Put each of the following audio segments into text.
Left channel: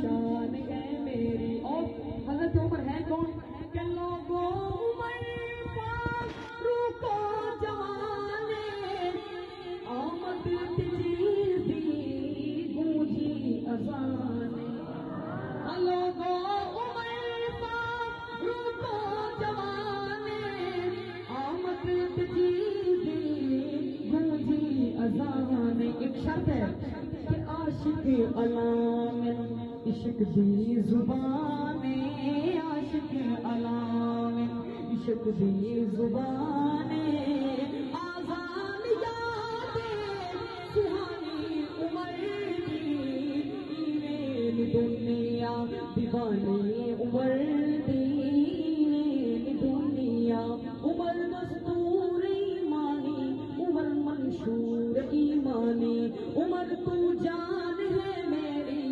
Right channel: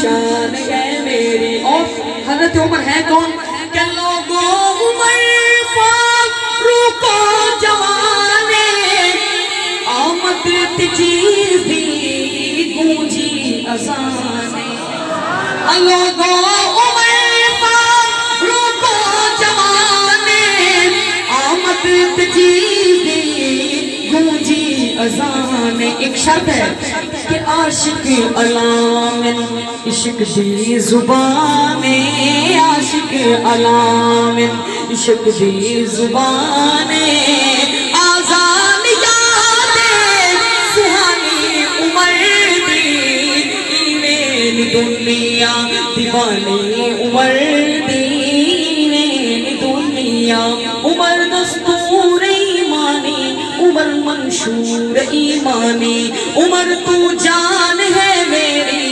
شان ہے میری. اور حضرت عمر ہے کون کہ لوگوں عمر فاروق جوانے آمد تجیزی گونجی اذانے. لوگوں عمر فاروق جوانے آمد تجیزی گونجی اذانے. ایک شرط ہے کہ عاشق علامن عشق دی زبانے, عاشق علامن عشق دی زبانے, آزان یاد سہانی عمر دی ایوین دنیا دیوانی عمر دی ایوین دنیا. عمر دستور ایمانی عمر منشور ایمانی, عمر تو جان ہے میری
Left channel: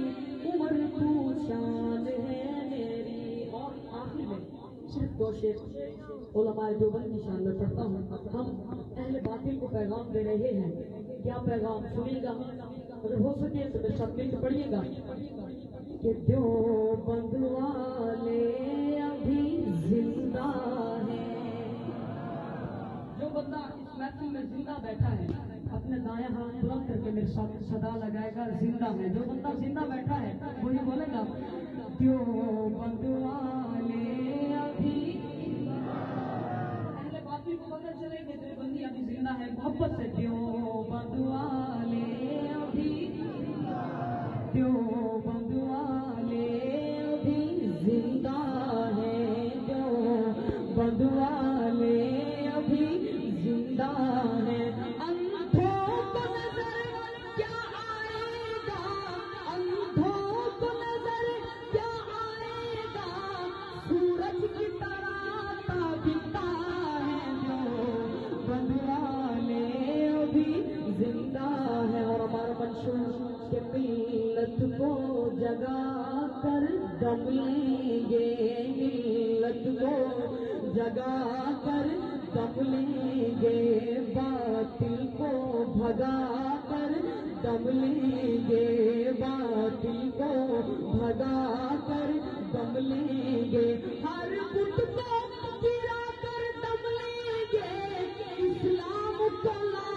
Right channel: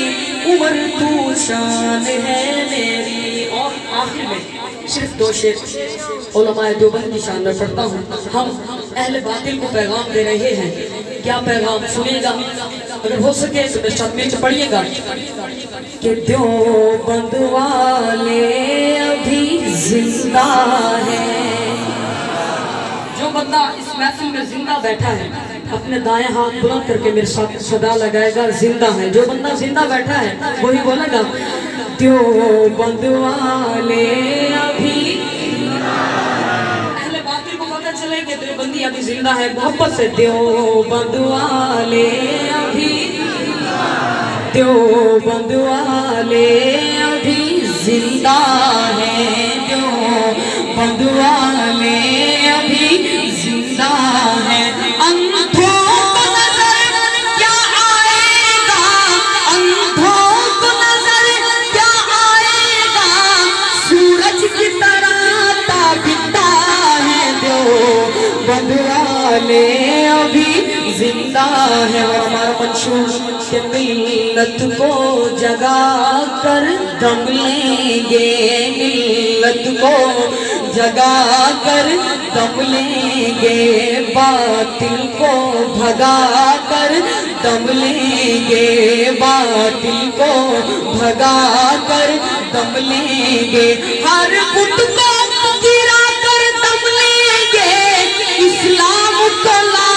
عمر تو شان ہے میری. اور آخر میں صرف دو شعر علماء دیوبند کی شان میں پڑھتا ہوں. ہم اہل باطل کو پیغام دے رہے ہیں. کیا پیغام سنیے گا, اگر ہو سکے تو میں ساتھ میں پڑھیے گا کہ دیوبند والے ابھی زندہ ہیں. جو بندہ اس محفل میں زندہ بیٹھا ہے اپنے دائیں ہاتھ بلند کر کے میرے ساتھ صدا لگائے گا زندہ ہے. جو بندہ زندہ بیٹھا ہے وہی بولے گا دیوبند والے ابھی. اہل باطل کو پتہ چلے کہ دیوبندی ابھی زندہ ہے, محبت سے دیوبند والے ابھی, دیوبند والے ابھی زندہ ہیں, دیوبند والے ابھی زندہ ہیں. ابھی زندہ ہے. اور ہمارا منشور کہ ملت کو جگا کر دم لیں گے, ملت کو جگا کر دم لیں گے, باطل کو بھگا کر دم لیں گے, باطل کو بھگا کر دم لیں گے, ہر بت کو گرا کر دم لیں گے, اسلام کو لا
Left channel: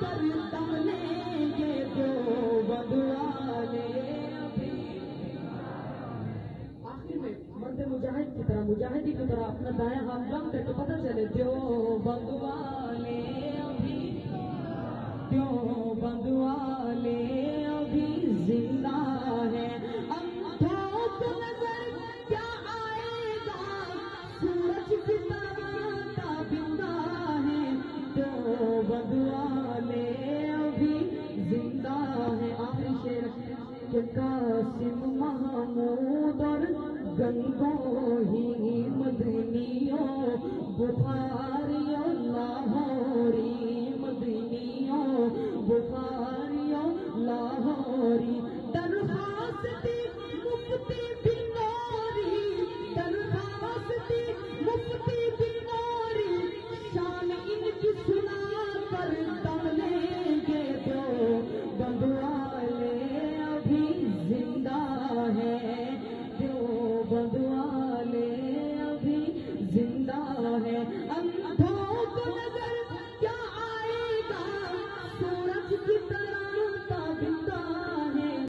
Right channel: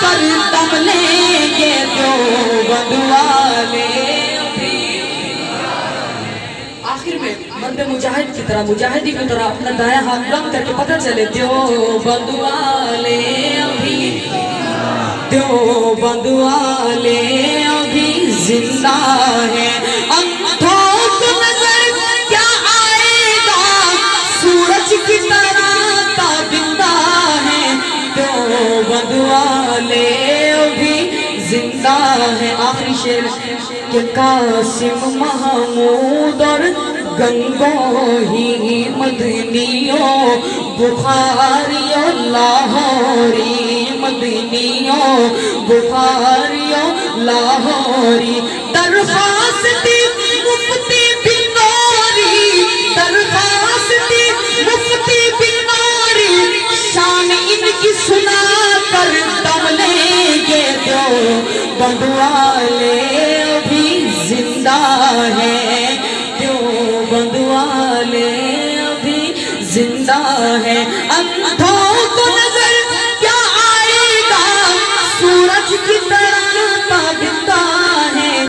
کر دم لیں گے. دیوبند والے ابھی. آخر میں مرد مجاہد کی طرح, مجاہدی کی طرح اپنا دائیں ہاتھ بلند کر کے پتہ چلے دیوبند والے ابھی, دیوبند والے ابھی زندہ ہیں. اندھوں کو نظر کیا آئے گا, سورج کی طرح تابندہ ہیں, دیوبند والے ابھی زندہ ہیں. آخری شعر کہ قاسم محمود اور گنگوہی مدنیوں بخاریوں لاہوری, مدنیوں بخاریوں لاہوری, درخواست مفتی بنوری, درخواست مفتی بنوری, شان ان کی سنا کر دم لیں گے. دیوبند والے ابھی زندہ ہیں, دیوبند والے ابھی زندہ ہیں.